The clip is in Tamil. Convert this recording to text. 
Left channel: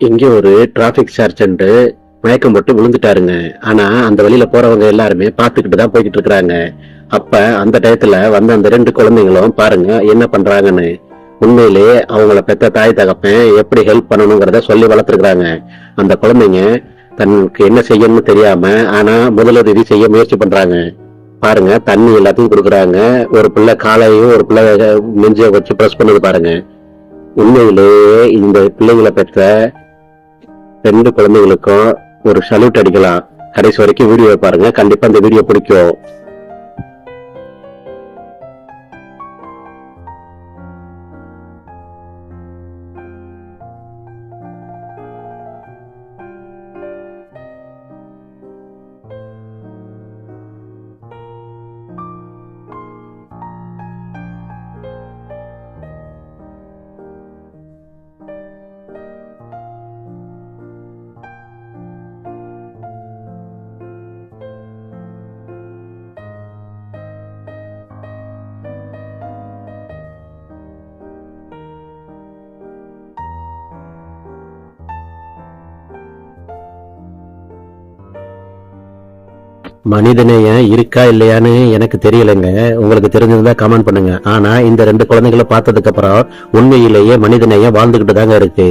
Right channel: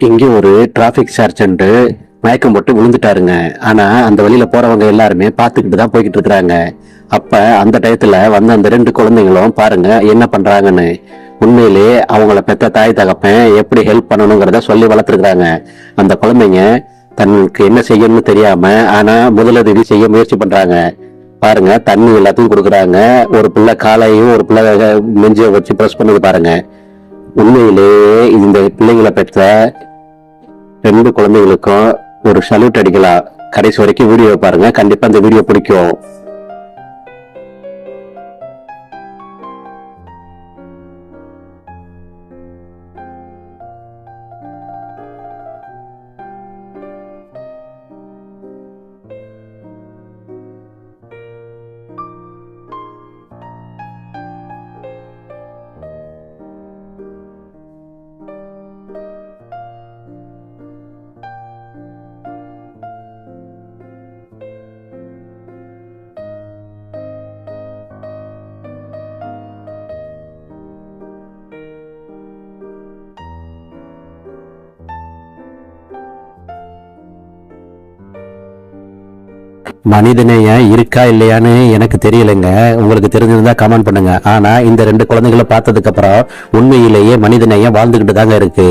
இங்கே ஒரு டிராபிக் சர்ஜென்ட் மயக்கம் போட்டு விழுந்துட்டாருங்க. ஆனா அந்த வழியில போறவங்க எல்லாருமே பார்த்துக்கிட்டு தான் போய்கிட்டு இருக்கிறாங்க. அப்ப அந்த டயத்துல வந்த அந்த 2 குழந்தைங்களும் பாருங்க என்ன பண்றாங்கன்னு. உண்மையிலே அவங்கள பெத்த தாய் தகப்பன் எப்படி ஹெல்ப் பண்ணணுங்கிறத சொல்லி வளர்த்துருக்காங்க. அந்த குழந்தைங்க தனக்கு என்ன செய்யணும்னு தெரியாம ஆனா முதலுதவி செய்ய முயற்சி பண்றாங்க. பாருங்க தண்ணி எல்லாத்தையும் கொடுக்குறாங்க. ஒரு பிள்ளை காலையும் ஒரு பிள்ளை நெஞ்ச வச்சு பிரஸ் பண்ணது பாருங்க. உண்மையிலேயே இந்த பிள்ளைகளை பெற்ற 2 குழந்தைகளுக்கும் ஒரு சல்யூட் அடிக்கலாம். கடைசி வரைக்கும் வீடியோ பாருங்க, கண்டிப்பா இந்த வீடியோ பிடிக்கும். மனிதநேயம் இருக்கா இல்லையான்னு எனக்கு தெரியலைங்க. உங்களுக்கு தெரிஞ்சிருந்தா கமெண்ட் பண்ணுங்க. ஆனா இந்த 2 குழந்தைகளை பார்த்ததுக்கு அப்புறம் உண்மையிலேயே மனிதநேயம் வாழ்ந்துகிட்டு தாங்க இருக்கு.